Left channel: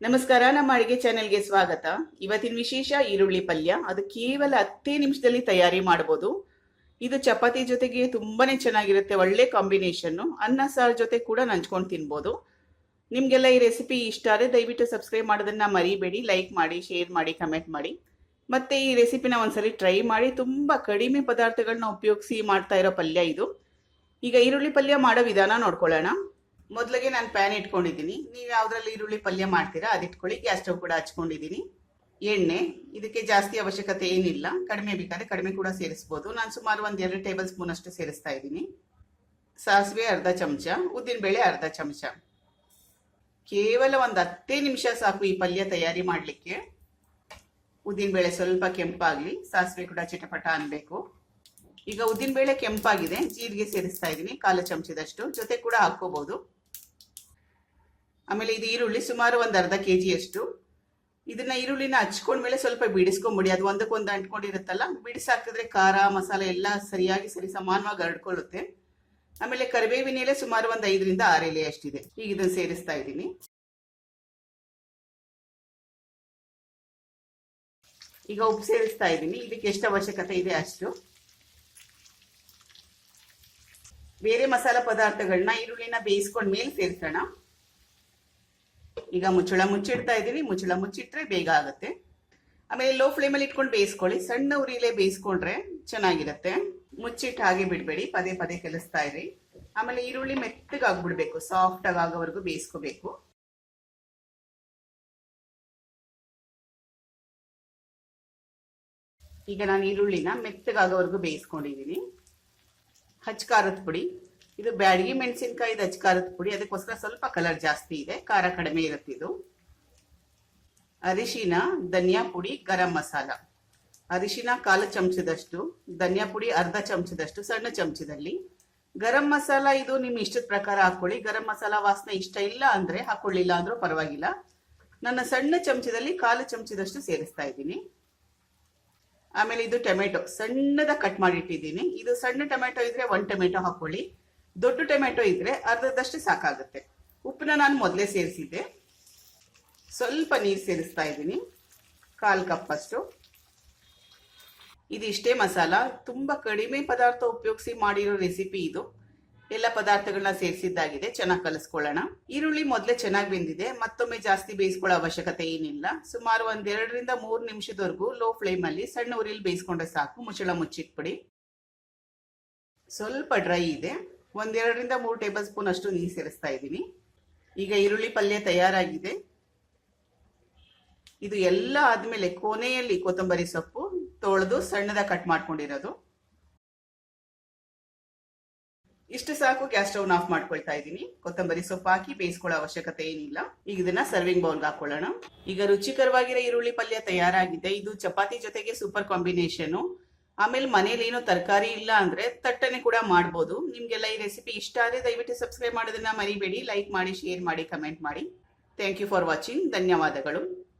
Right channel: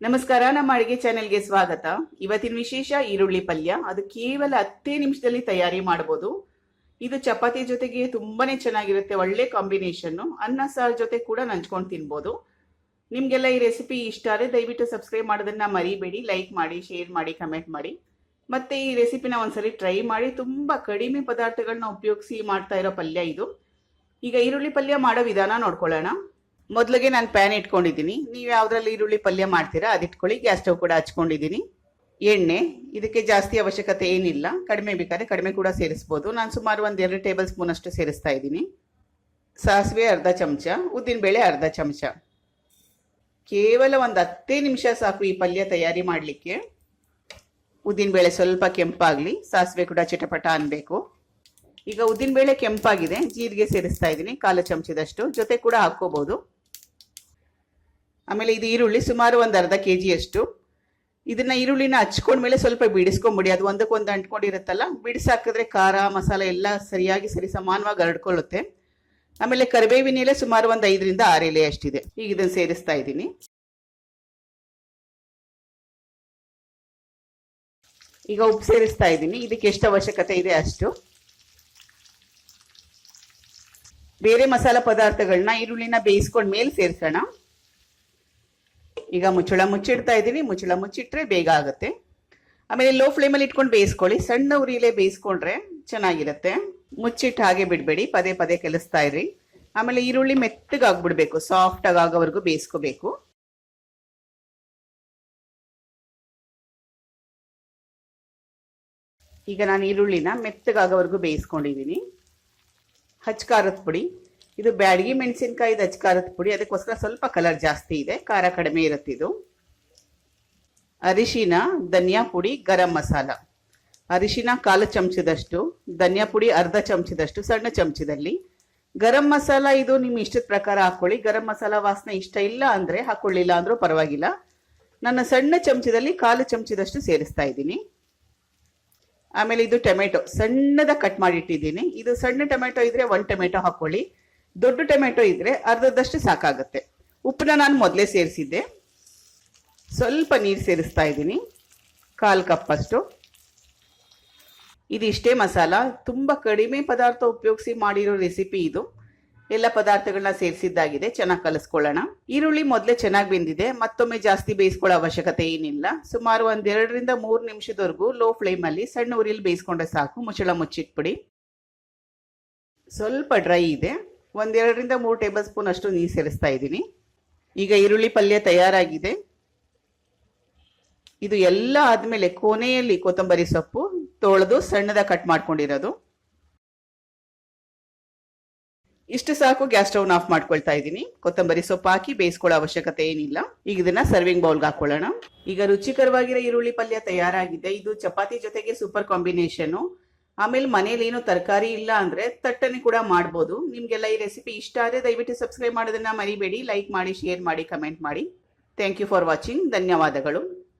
ನಮಸ್ಕಾರ, ನಮ್ಮ ಅಡುಗೆ ಚಾನೆಲ್ಗೆ ಸ್ವಾಗತ. ಇವತ್ತಿನ ವಿಶೇಷ ಈರುಳ್ಳಿ ಪಲ್ಯ. ಅದು ಕೇವಲ 10 ನಿಮಿಷದಲ್ಲಿ ತಯಾರಿ ಮಾಡಬಹುದು. ಇದು ಚಪಾತಿ ಜೊತೆಗೆ ತುಂಬಾನೇ ಚೆನ್ನಾಗಿರುತ್ತೆ. ಒಳ್ಳೆ ಕಾಂಬಿನೇಷನ್. ಅನ್ನ ಸಾರು ಜೊತೆ ಕೂಡ ನಂಚ್ಕೊಂಡು ತಿನ್ಬೋದು. ನಿಮಗೆಲ್ಲ ಈ ರೆಸಿಪಿ ಇಷ್ಟ ಆದರೆ ದಯವಿಟ್ಟು ಸಬ್ಸ್ಕ್ರೈಬ್ ಮಾಡೋದನ್ನ ಮರಿಬೇಡಿ. ಲೈಕ್ ಮಾಡಿ, ಶೇರ್ ಮಾಡಿ, ಕಮೆಂಟ್ ಮಾಡಿ. ಮತ್ತೆ ಈ ರೆಸಿಪಿನ ಒಂದ್ಸರಿ ಟ್ರೈ ಮಾಡಿ. ತುಂಬಾ ಕಡಿಮೆ ಪದಾರ್ಥಗಳನ್ನ ಉಪಯೋಗಿಸಿ ಮಾಡ್ತಾ ಇರೋ ಪಲ್ಯ ಇದು. ಈಗ ಈರುಳ್ಳಿ ಪಲ್ಯ ಮಾಡೋ ವಿಧಾನ ನೋಡ್ಕೊಳ್ಳೋಣ. ಮೊದಲಿಗೆ ನಾನು ಪ್ಯಾನ್ ಇಟ್ಕೊಂಡಿದ್ದೀನಿ. ನೀವು ಯಾವುದ್ರಲ್ಲಿ ಈರುಳ್ಳಿ ಪಲ್ಯ ಮಾಡ್ತೀರಾ ಅದಿಟ್ಕೊಳ್ಳಿ. ಗ್ಯಾಸ್ ಸ್ಟವ್ ಕೂಡ ಹಚ್ಕೊಂಡಿದ್ದೀನಿ. ಎಣ್ಣೆ, ಇದಕ್ಕೆ ಜಾಸ್ತಿ ಅವಶ್ಯಕತೆ ಏನಿಲ್ಲ. ಕಡಿಮೆ ಬೇಕಾದ್ರೆ ಕಡಿಮೆ ಕೂಡ ಸೇರಿಸ್ಬೋದು. ನಾನು ಸುಮಾರು 1-2 ಟೇಬಲ್ ಸ್ಪೂನ್ ಅಷ್ಟು ಸೇರಿಸ್ತಾ ಇದ್ದೀನಿ. ಸಾಸಿವೆ ಅರ್ಧ ಚಮಚ, ಉದ್ದಿನಬೇಳೆ ಅರ್ಧ ಚಮಚ. ಕೇವಲ ಒಂದು 10 ನಿಮಿಷ ಸಾಕು ಈ ಪಲ್ಯ ತಯಾರಿ ಮಾಡಲಿಕ್ಕೆ. ಉದ್ದಿನಬೇಳೆ ಸ್ವಲ್ಪ ಕೆಂಪಾಗಲಿ, ಸಾಸಿವೆ ಕೂಡ ಚಿಟಪಟ ಅನ್ಬೇಕು. ಈಗ ಉದ್ದಿನಬೇಳೆ ಕೆಂಪಾಗಿದೆ, ಜೀರಿಗೆ ಸೇರಿಸ್ತಾ ಇದ್ದೀನಿ 1/4 ಚಮಚದಷ್ಟು. ಜೊತೆ ಕೂಡ ಹಾಕೋಬಹುದು. ಆಮೇಲೆ ಇದು ಈರುಳ್ಳಿ ಸುಮಾರು ಒಂದು ಅರ್ಧ kg ಅಷ್ಟು. ಇದನ್ನ ಈರುಳ್ಳಿನ ಹಚ್ಕೊಂಡ್ಮೇಲೆ ಸ್ವಲ್ಪ ಬಿಡಿಸ್ಕೊಂಬಿಡಿ. ಅದು ಒಂದಕ್ಕೊಂದು ಅಂಟ್ಕೊಂಡಿರುತ್ತಲ್ಲ, ಬಿಡಿಸಾಕಿದ್ರೆ ಖಾರ ಮಸಾಲೆ ಎಲ್ಲ ಸರಿಯಾಗಿ ಸಮಾನವಾಗಿ ಹರಡ್ಕೊಳ್ಳುತ್ತೆ. ಆಮೇಲೆ ಕರಿಬೇವಿನ ಎಲೆ ಸುಮಾರು ಒಂದು 5ರಿಂದ 6 ಎಲೆ ಅಷ್ಟಿದೆ. ಈಗ ಇದನ್ನು ಸೇರಿಸ್ತಾ ಇದ್ದೀನಿ. ಈಗ ಉಪ್ಪು ಸೇರಿಸ್ತಾ ಇದ್ದೀನಿ. ಇದಕ್ಕೆ ಎಷ್ಟು ಅವಶ್ಯಕತೆ ಇದೆ ಅಷ್ಟು. ಬೇರೆ ಮಸಾಲಾ ಪದಾರ್ಥಗಳನ್ನ ಈರುಳ್ಳಿನ ಬೇಯಿಸ್ಕೊಂಡ ಮೇಲೆ ಸೇರಿಸೋಣ. ಈಗ ಮುಚ್ಚಳ ಮುಚ್ಚಿಡ್ತಾ ಇದ್ದೀನಿ. ಮುಚ್ಚಳ ಮುಚ್ಚಿಟ್ರೆ ಬೇಗ ಆಗುತ್ತೆ. ಆಮೇಲೆ ಲೋ ಫ್ಲೇಮಲ್ಲಿ ಇಟ್ಕೊಂಡು ಬೇಯಿಸ್ಕೊಳ್ಳಿ. ಸಣ್ಣ ಉರಿಲೇ ಬೇಯಿಸ್ಕೊಂಡ್ರೆ ಚೆನ್ನಾಗಿರುತ್ತೆ. ಮುಚ್ಚಿಟ್ಟು ಹಾಗೆ ಬಿಡಬೇಡಿ, ಪದೇ ಪದೇ ಕಲಿಸ್ತಾ ಇರಿ. ಆಮೇಲೆ ಈರುಳ್ಳಿ ಮೆತ್ತಗಾಗ್ಬಿಡ್ಬೇಕು, ಸಾಫ್ಟ್ ಆಗೋವರೆಗೂ ಬೇಯಿಸ್ಕೋಬೇಕು. ಈಗ ನಾನು ಈರುಳ್ಳಿನ ಮೆತ್ತಗಾಗೋವರೆಗೂ ಬೇಯಿಸ್ಕೊಂಡಿದ್ದೀನಿ. ಹಚ್ಕಾರದ ಪುಡಿ, ಇದು ಬ್ಯಾಡಗಿ ಮೆಣಸಿನಕಾಯಿದು ಹಚ್ಕಾರದ ಪುಡಿ. ಅದಕ್ಕೋಸ್ಕರ ಸ್ವಲ್ಪ ಕಲರ್ ಜಾಸ್ತಿ ಇದೆ, ಖಾರ ಕಡಿಮೆ ಇರುತ್ತೆ ಇದು. ಅರಿಶಿನ, ಧನಿಯಾ ಪುಡಿ, ಗರಂ ಮಸಾಲ. ಅರಿಶಿನ 1/4 ಚಮಚದಷ್ಟು, ಧನಿಯಾ ಪುಡಿ ಅರ್ಧ ಚಮಚದಷ್ಟು ಸಣ್ಣ ಚಮಚದಲ್ಲಿ. ಗರಂ ಮಸಾಲ ಇದು ನಿಮ್ಮ ಇಷ್ಟದ ಪ್ರಕಾರ ಹಾಕೊಳ್ಳಿ. ಗರಂ ಮಸಾಲ ವಾಸನೆ ಇಷ್ಟ ಇಲ್ಲ ಅಂದ್ರೆ ಹಾಕೊಳ್ಳಿಲ್ಲ ಅಂದ್ರೂ ಪರವಾಗಿಲ್ಲ. ನನ್ನ ಸಣ್ಣ ಚಮಚದಲ್ಲಿ 1/4 ಚಮಚದಷ್ಟು ಸೇರಿಸ್ತಾ ಇದ್ದೀನಿ. ಆಮೇಲೆ ಇದು ಟೊಮೆಟೊ ಸಣ್ಣದ ಕಟ್ ಮಾಡಿಟ್ಟಿದ್ದೀನಿ. ಇದು ಸಣ್ಣ ಟೊಮೆಟೊ ಇದ್ರೆ 1 ಟೊಮೆಟೊ ಹಾಕೊಳ್ಳಿ. ದೊಡ್ಡ ಟೊಮೆಟೊ ಇದ್ರೆ ಅರ್ಧದಷ್ಟು ಸಾಕಾಗುತ್ತೆ. ಉಪ್ಪನ್ನ ನಾನು ಮೊದಲೇ ಸೇರಿಸಿದ್ದೆ. ಸ್ವಲ್ಪ ನೀರು ಸೇರಿಸ್ತಾ ಇದ್ದೀನಿ, 1/4 ಕಪ್ ಅಷ್ಟು. ಇದಿಷ್ಟೇ ಮಸಾಲ. ತುಂಬಾ ಕಡಿಮೆ ಪದಾರ್ಥ ಉಪಯೋಗಿಸಿ ಮಾಡಿರೋ ರೆಸಿಪಿ ಇದು. ಎಲ್ಲ ಪದಾರ್ಥಗಳನ್ನ ಸೇರಿಸಿದ್ದಾಗಿದೆ. ಚೆನ್ನಾಗಿ ಕಲಿಸ್ಕೊಳ್ಳೋಣ. ಈರುಳ್ಳಿ ಮೊದಲೇ ಚೆನ್ನಾಗಿ ಬೆಂದಿದೆ, ಮತ್ತೊಮ್ಮೆ ಜಾಸ್ತಿ ಬೇಯಿಸ್ಕೊಳ್ಳೋ ಅವಶ್ಯಕತೆ ಏನಿಲ್ಲ. ಸುಮಾರು 2ರಿಂದ 3 ನಿಮಿಷದವರೆಗೂ ಲೋ ಫ್ಲೇಮಲ್ಲಿ ಸಣ್ಣ ಉರಿಲಿ ಬೇಯಿಸ್ಕೊಂಡ್ರೆ ಸಾಕು. ಮುಚ್ಚಳ ಮುಚ್ಚಿಟ್ಬಿಡಿ. ಸ್ವಲ್ಪ ಡ್ರೈ ಇದೆ. 1-2ರಿಂದ 3 ಟೇಬಲ್ ಸ್ಪೂನ್ ಅಷ್ಟು ನೀರು ಸೇರಿಸ್ತಾ ಇದ್ದೀನಿ. ಈಗ ಈರುಳ್ಳಿ ಪಲ್ಯ ತಯಾರಾಗಿದೆ. ಇದು ಎಲ್ಲ ಆದ್ಮೇಲೆ ಕೊನೆಯಲ್ಲಿ ಕೊತ್ತಂಬರಿ ಸೊಪ್ಪು ತೊಳೆದು ಸಣ್ಣದ ಕಟ್ ಮಾಡ್ಕೊಂಡಿರೋದು. ಇಷ್ಟು ಸಾಕು. ಗ್ಯಾಸ್ ಸ್ಟವ್ ಆಫ್ ಮಾಡ್ಕೊಳ್ತಾ ಇದ್ದೀನಿ. ಕೊತ್ತಂಬರಿ ಸೊಪ್ಪು ಹಾಕಿ ಬೇಯಿಸ್ಕೊಳ್ಳೋ ಅವಶ್ಯಕತೆ ಏನಿಲ್ಲ. ಈಗ ಇದನ್ನ ಸರ್ವಿಂಗ್ ಬೌಲ್ಗೆ ಹಾಕೊಳ್ಳೋಣ. ಈಗ ರುಚಿಕರವಾಗಿರೋ ಈರುಳ್ಳಿ ಪಲ್ಯ ತಯಾರಾಗಿದೆ. ಇದು ಚಪಾತಿ ಜೊತೆಗೆ ಸೂಪರ್ ಕಾಂಬಿನೇಷನ್. ಆಮೇಲೆ ಮನೇಲಿ ಏನೋ ತರಕಾರಿ ಇಲ್ಲ ಅಂದ್ರೆ ತಟ್ಟನೆ ಕೂಡ ಮಾಡ್ಬೋದು. ನಿಮ್ಗೆಲ್ಲ ಈ ರೆಸಿಪಿ ಇಷ್ಟ ಆದರೆ ದಯವಿಟ್ಟು ಸಬ್ಸ್ಕ್ರೈಬ್ ಮಾಡೋದನ್ನ ಮರಿಬೇಡಿ. ಲೈಕ್ ಮಾಡಿ, ಶೇರ್ ಮಾಡಿ, ಕಮೆಂಟ್ ಮಾಡಿ. Thank you for watching. ಧನ್ಯವಾದಗಳು.